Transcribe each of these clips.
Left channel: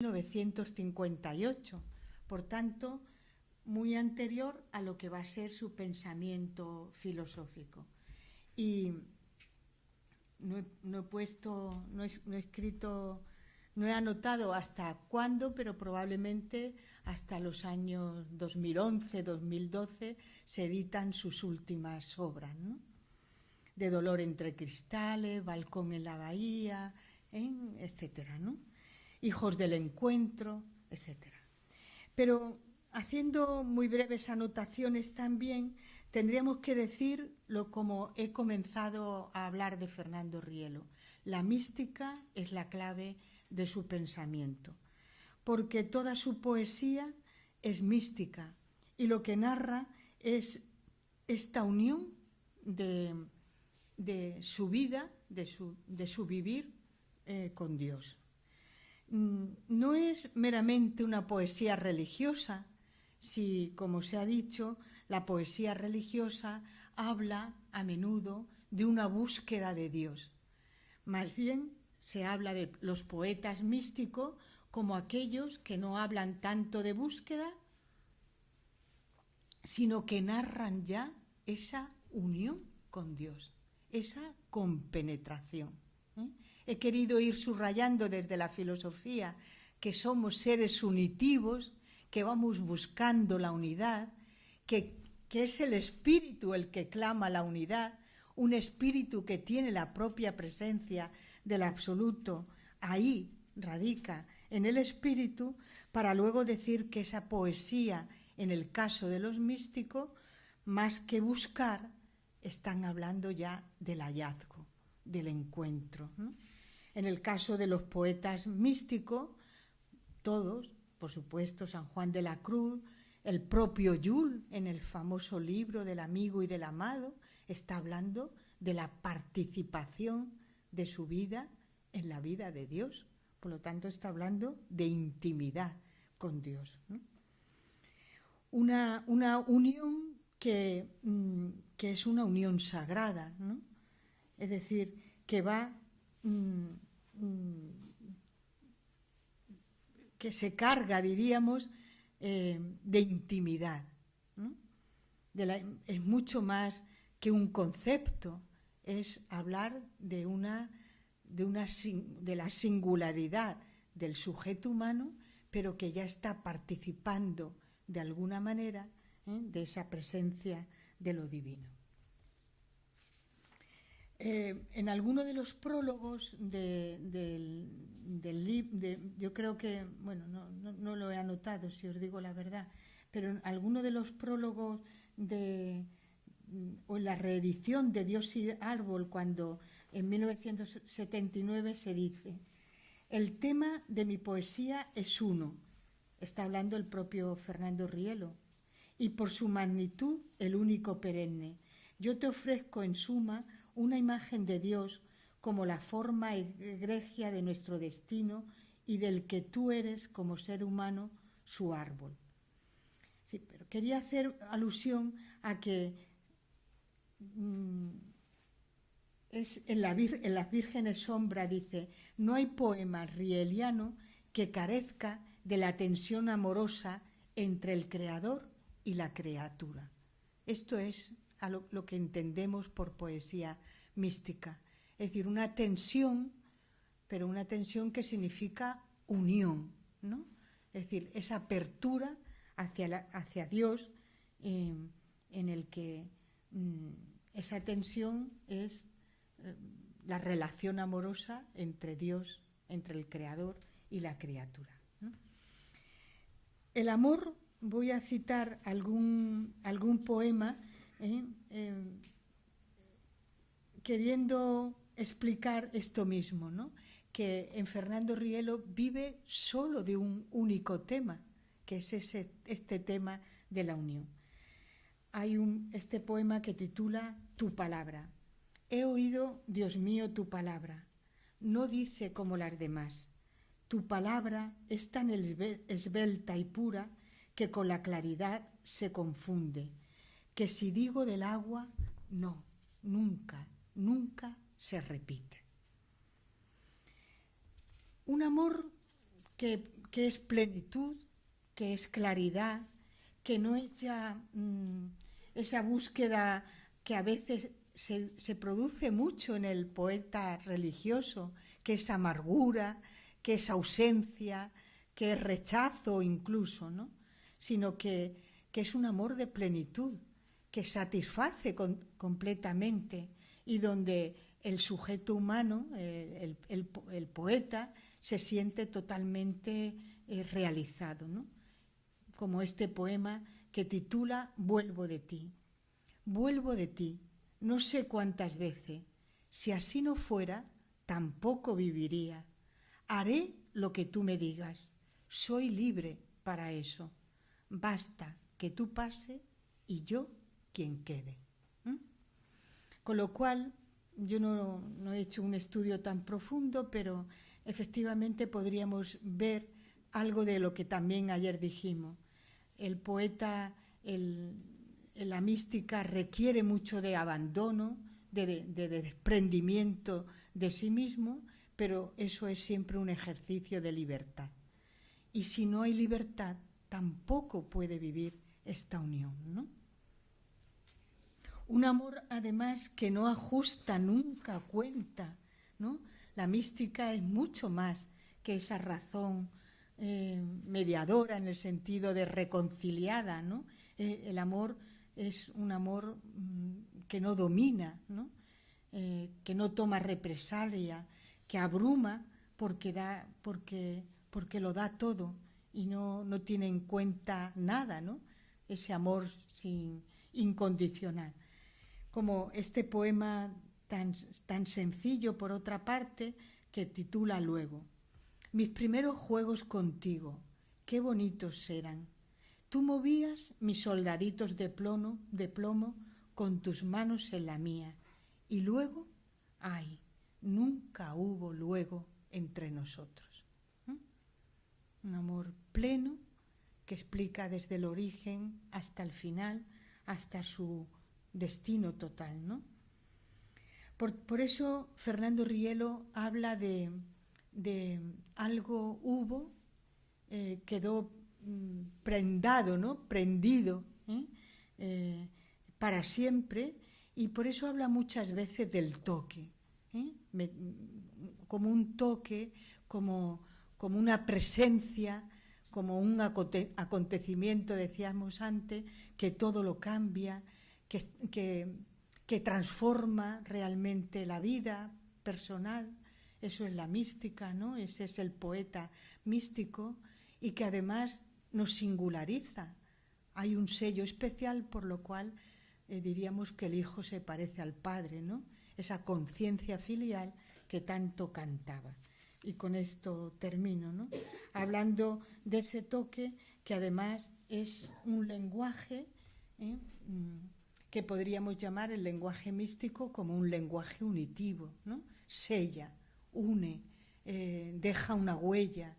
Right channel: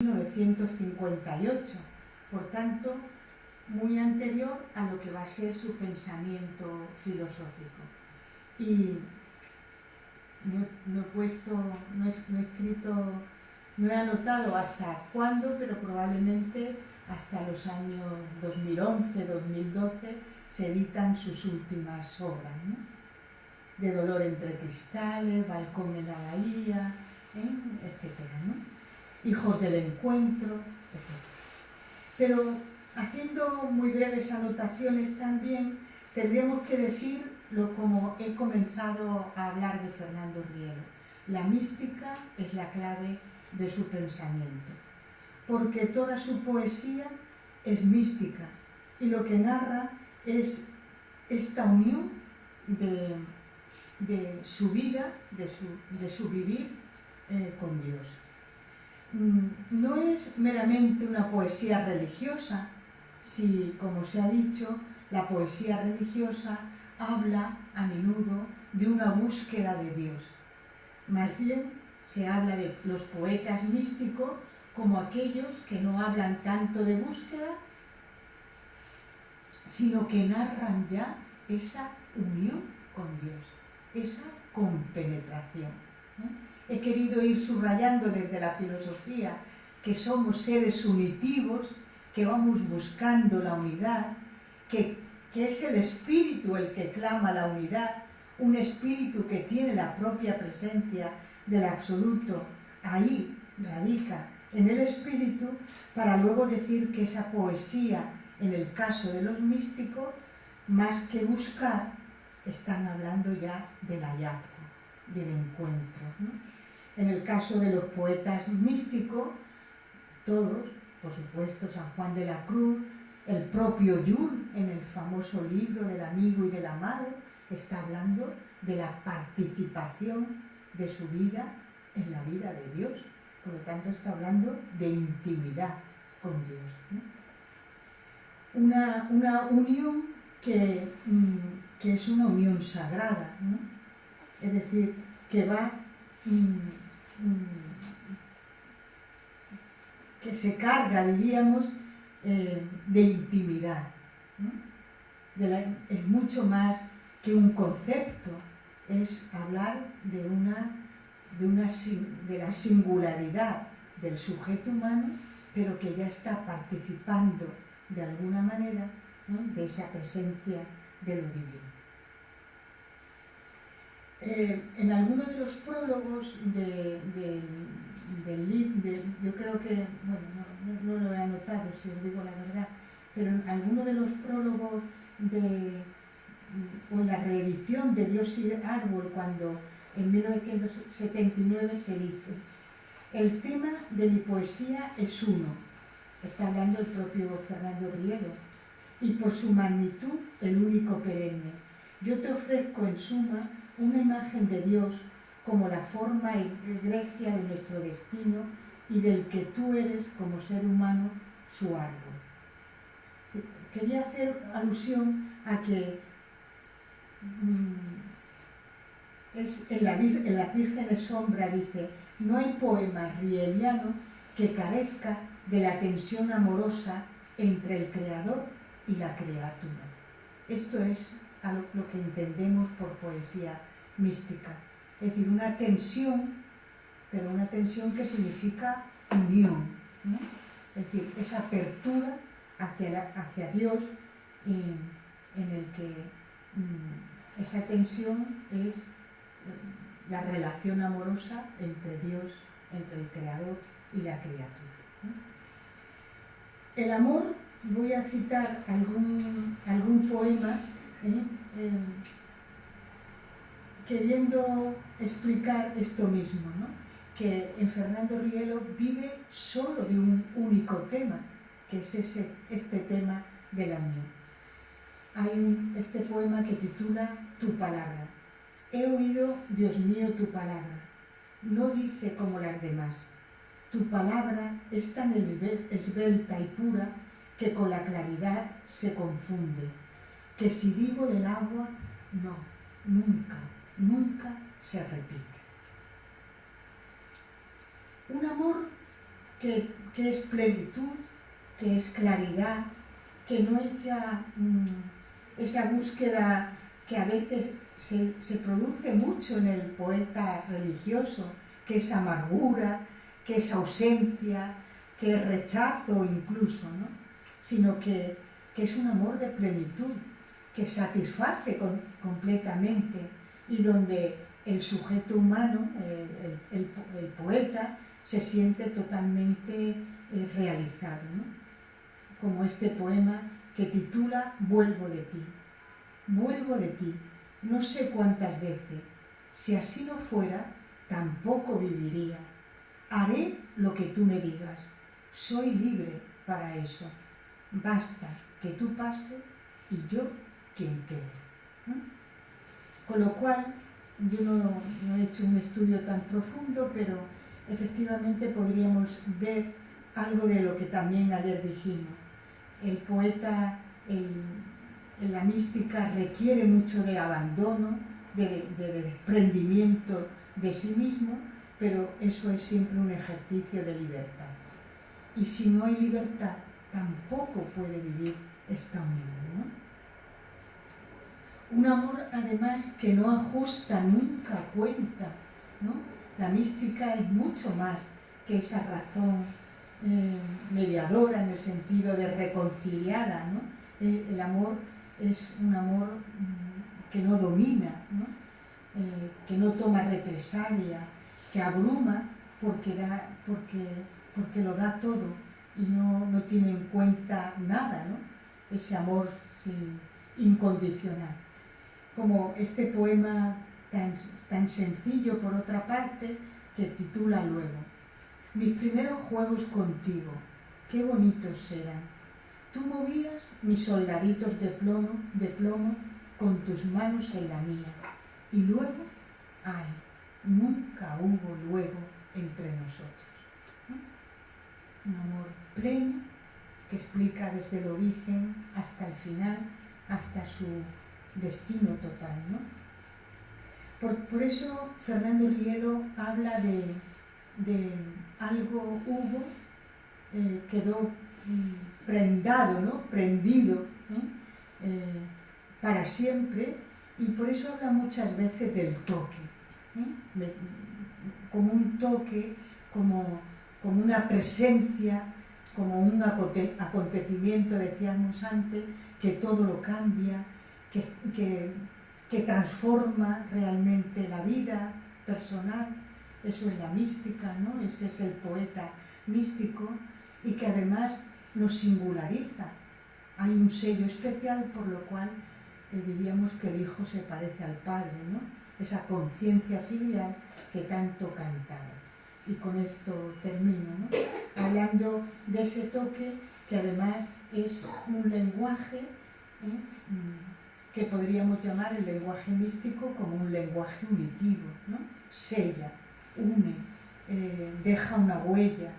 1958, por tanto, muy anterior a lo que va a ser su pensamiento filosófico. Y no he escrito, no he anotado hasta cuándo, pero probablemente hasta los años 2011-2012 se editan sus últimas obras, ¿no? De Dolor entre cristales, Balcón en la bahía, etcétera, ¿no? Hijos del encuentro, etc. Pero haciendo muy breves anotaciones también, tendríamos que decir como he comenzado a hablar de Fernando Rielo. La mística es la clave de su pensamiento, porque toda su poesía es mística y lo que narra es esta unión de su vida, de su vivir con Dios. No es meramente una poesía religiosa, si, como se ha dicho, la poesía religiosa habla a menudo de una búsqueda de Dios. Más bien se habla de los poetas místicos como aquellos que no hablan tanto de búsqueda, sino que narran ya esa unión con Dios, esa compenetración, ¿no? He querido ir subrayando desde la filosofía que somos seres unitivos, que vamos buscando la unidad, que es el espíritu el que clama la unidad, un espíritu que tiene la propia presencia del absoluto, ahí radica en el espíritu, para luego decir que esa poesía, en el caso de los místicos, más que buscar, están hablando ya del hallazgo, del encuentro, ¿no? En el caso de los poetas místicos, todos, por supuesto, San Juan de la Cruz, el propio Jules, en el famoso libro del amigo y del amado, está hablando de la participación de su vida en la vida de Dios. Por lo tanto, está hablando de intimidad con Dios, ¿no? Una unión que es una unión sagrada, ¿no? Es decir, que va... que se carga, diríamos, de intimidad, ¿no? Es mucho más que un concepto, es hablar de la singularidad del sujeto humano, pero que ya está participando de alguna manera, ¿no?, de esa presencia de lo divino. En alguno de los prólogos del libro, yo creo que, bueno, no lo he anotado, si os digo la verdad, pero en alguno de los prólogos o en la reedición de Dios y Árbol, cuando en 1979 se dice: el tema de mi poesía es uno, está hablando el propio Fernando Rielo, y por su magnitud el único perenne. Yo te ofrezco en suma una imagen de Dios como la forma egregia de nuestro destino y del que tú eres como ser humano su árbol. Sí, quería hacer alusión a que en las Vírgenes Sombra dice: no hay poema rieliano que carezca de la tensión amorosa entre el creador y la criatura. Esto es a lo que entendemos por poesía mística, es decir, una tensión, pero una tensión que significa unión, ¿no? Es decir, esa apertura hacia Dios, en el que esa tensión es la relación amorosa entre Dios, entre el Creador y la criatura, ¿no? El amor, voy a citar algún poema, queriendo explicar esto mismo, ¿no?, que en Fernando Rielo vive solo de un único tema, que es este tema de la unión. Hay este poema que titula Tu palabra. He oído, Dios mío, tu palabra. No dice como las demás. Tu palabra es tan esbelta y pura que con la claridad se confunde, que si digo del agua, no, nunca se repite. Un amor que que es plenitud, que es claridad, que no es ya esa búsqueda que a veces se produce mucho en el poeta religioso, que es amargura, que es ausencia, que es rechazo incluso, ¿no? Sino que es un amor de plenitud, que satisface completamente y donde el sujeto humano, el poeta, se siente totalmente realizado, ¿no? Como este poema que titula Vuelvo de ti. Vuelvo de ti, no sé cuántas veces. Si así no fuera, tampoco viviría. Haré lo que tú me digas. Soy libre para eso. Basta que tú pases y yo quien quede. Con lo cual, yo no he hecho un estudio tan profundo, pero efectivamente podríamos ver algo de lo que también ayer dijimos. El poeta, la mística requiere mucho de abandono, de desprendimiento de sí mismo, pero eso es siempre un ejercicio de libertad. Y si no hay libertad, tampoco puede vivir esta unión, ¿no? Un amor, además, que no ajusta nunca cuenta, ¿no? La mística es mucho más que esa razón mediadora en el sentido de reconciliada, ¿no? El amor es un amor que no domina, ¿no? Que no toma represalia, que abruma porque lo da todo y no tiene en cuenta nada, ¿no? Ese amor incondicional. Como este poema tan sencillo, por otra parte, que titula luego: mis primeros juegos contigo, qué bonitos eran. Tú movías mis soldaditos de plomo con tus manos en la mía. Y luego, ay, nunca hubo luego entre nosotros. Un amor pleno que explica desde el origen hasta el final, hasta su destino total, ¿no? Por eso Fernando Rielo habla de algo hubo, quedó prendado, ¿no? Prendido para siempre, y por eso habla muchas veces del toque, como un toque, como una presencia, como un acontecimiento, decíamos antes, que todo lo cambia, que transforma realmente la vida personal. Eso es la mística, ¿no? Ese es el poeta místico, y que además nos singulariza. Hay un sello especial por lo cual diríamos que el hijo se parece al padre, ¿no? Esa conciencia filial que tanto cantaba. Y con esto termino, ¿no? Hablando de ese toque que además es un lenguaje que podríamos llamar el lenguaje místico como un lenguaje unitivo, ¿no? Sella, une, deja una huella,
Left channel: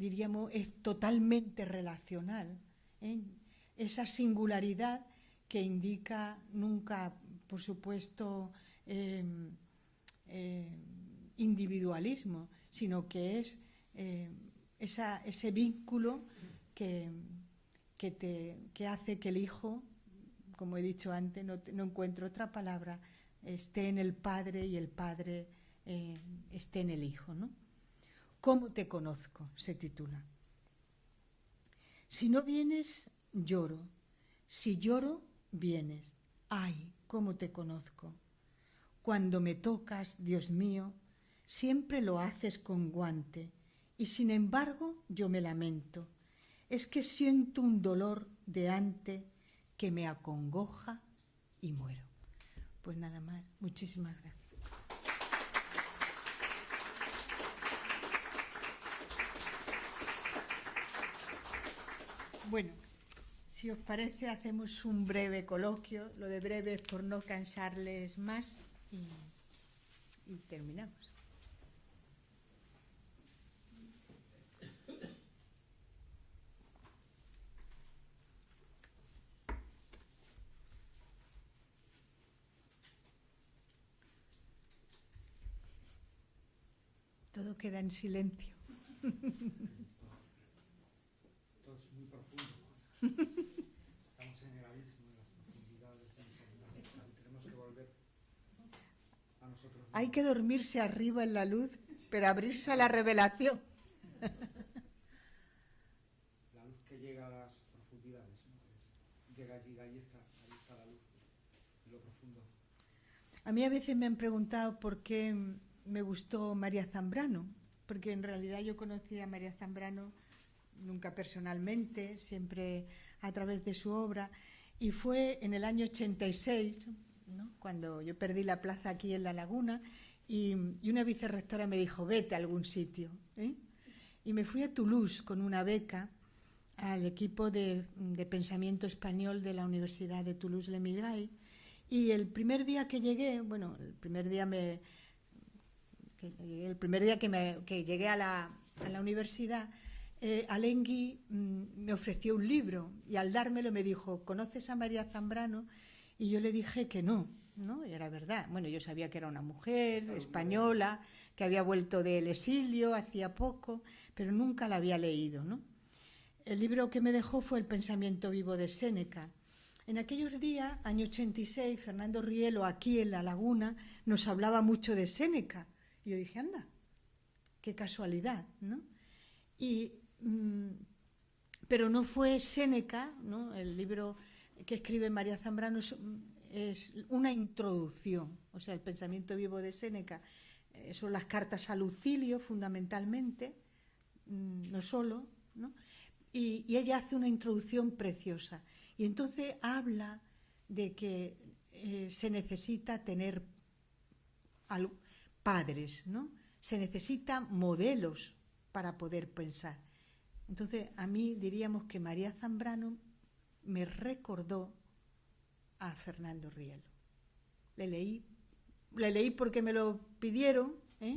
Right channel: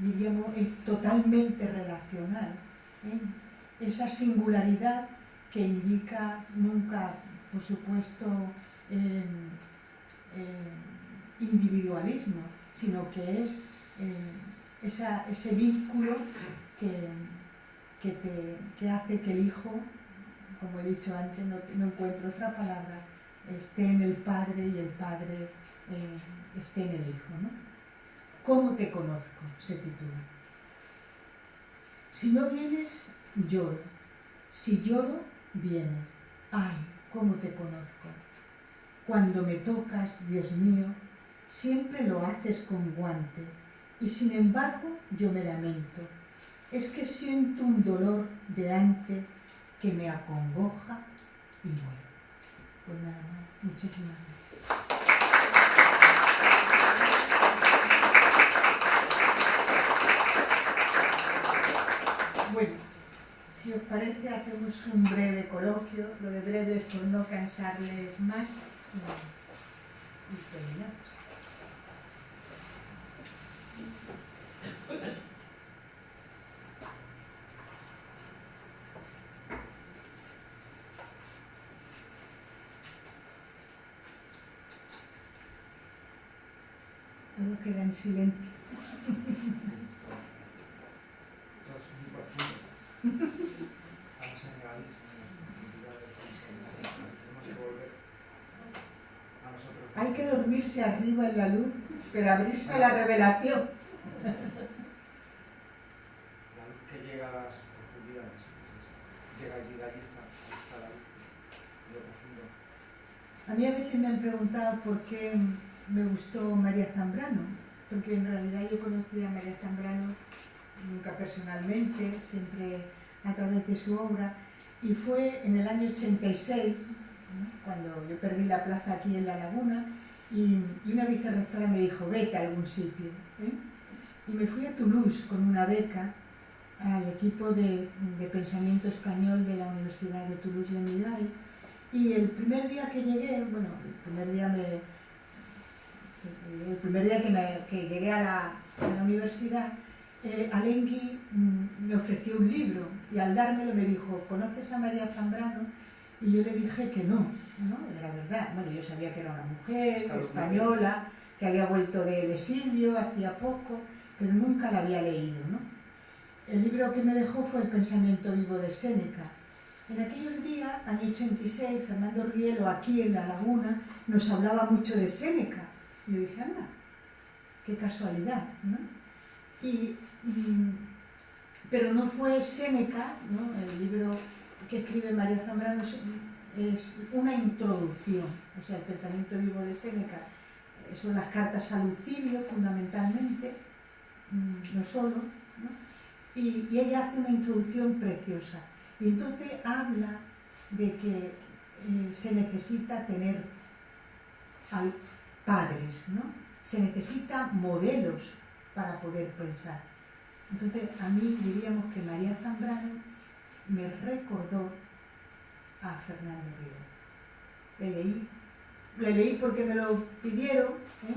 diríamos, es totalmente relacional. Esa singularidad que indica nunca, por supuesto, individualismo, sino que es ese vínculo que hace que el hijo, como he dicho antes, no encuentro otra palabra, esté en el padre y el padre esté en el hijo, ¿no? ¿Cómo te conozco?, se titula. Si no vienes, lloro. Si lloro, vienes. Ay, cómo te conozco. Cuando me tocas, Dios mío, siempre lo haces con guante, y sin embargo yo me lamento. Es que siento un dolor de antes que me acongoja y muero. Pues nada más, muchísimas gracias. Bueno, si os parece, hacemos un breve coloquio. Lo de breve es por no cansarles más y terminamos. todo queda en silencio. Hay que dormirse arriba en la luz, pero abrirse a la revelación. La luz que llega a las profundidades, llega allí, de ahí está la luz, lo profundo. A mí a veces me han preguntado por qué me gustó María Zambrano, porque en realidad yo conocí a María Zambrano nunca personalmente, siempre a través de su obra, y fue en el año 86, ¿no?, cuando yo perdí la plaza aquí en La Laguna, y una vicerrectora me dijo, vete a algún sitio, ¿eh? Y me fui a Toulouse con una beca al equipo de pensamiento español de la Universidad de Toulouse-Le-Mirail, y el primer día que llegué, bueno, el primer día que llegué a la universidad, Alain Guy me ofreció un libro y al dármelo me dijo, ¿conoces a María Zambrano? Y yo le dije que no, ¿no? Era verdad. Bueno, yo sabía que era una mujer española, que había vuelto del exilio hacía poco, pero nunca la había leído, ¿no? El libro que me dejó fue El pensamiento vivo de Séneca. En aquellos días, año 86, Fernando Rielo, aquí en La Laguna, nos hablaba mucho de Séneca. Y yo dije, anda, qué casualidad, ¿no? Pero no fue Séneca, ¿no? El libro que escribe María Zambrano es una introducción, o sea, el pensamiento vivo de Séneca son las cartas a Lucilio fundamentalmente, no solo, ¿no? Y ella hace una introducción preciosa, y entonces habla de que se necesita tener padres, ¿no? Se necesitan modelos para poder pensar. Entonces, a mí diríamos que María Zambrano me recordó a Fernando Rielo. Le leí porque me lo pidieron, ¿eh?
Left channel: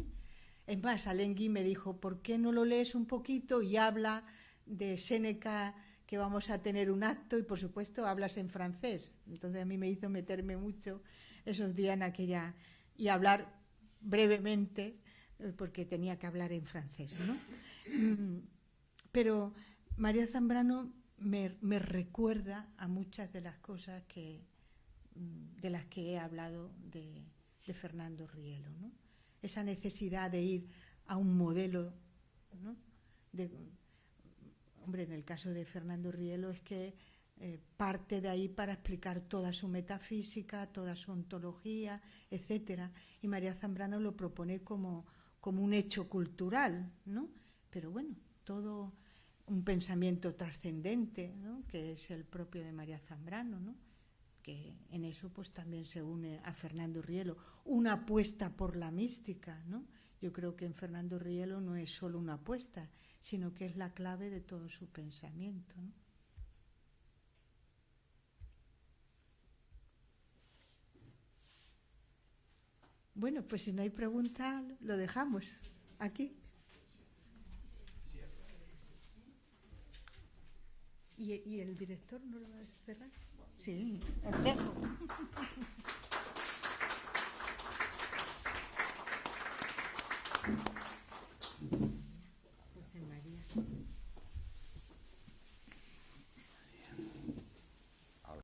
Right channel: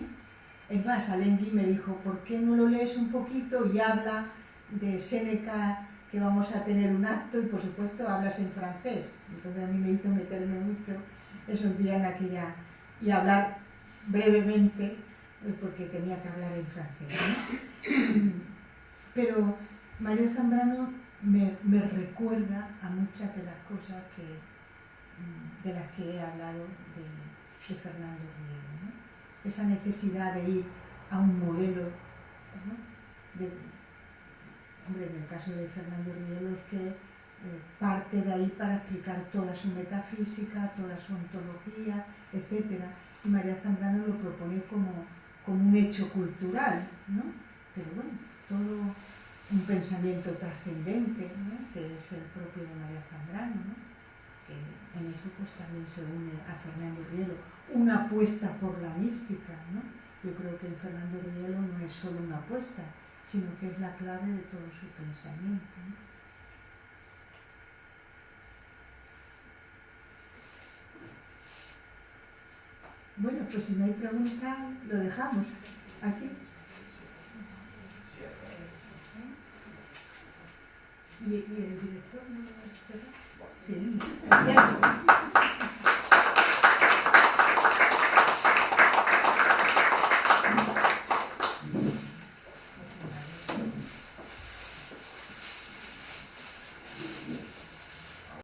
Es más, Alain Guy me dijo, ¿por qué no lo lees un poquito? Y habla de Séneca, que vamos a tener un acto, y por supuesto hablas en francés. Entonces a mí me hizo meterme mucho esos días en aquella, y hablar brevemente, porque tenía que hablar en francés, ¿no? Pero María Zambrano me recuerda a muchas de las cosas de las que he hablado de Fernando Rielo, ¿no? Esa necesidad de ir a un modelo, ¿no? Hombre, en el caso de Fernando Rielo es que parte de ahí para explicar toda su metafísica, toda su ontología, etc. Y María Zambrano lo propone como un hecho cultural, ¿no? Pero bueno, todo un pensamiento trascendente, ¿no? Que es el propio de María Zambrano, ¿no? Que en eso pues también se une a Fernando Rielo, una apuesta por la mística, ¿no? Yo creo que en Fernando Rielo no es solo una apuesta, sino que es la clave de todo su pensamiento, ¿no? Bueno, pues si no hay preguntas, lo dejamos aquí. Y el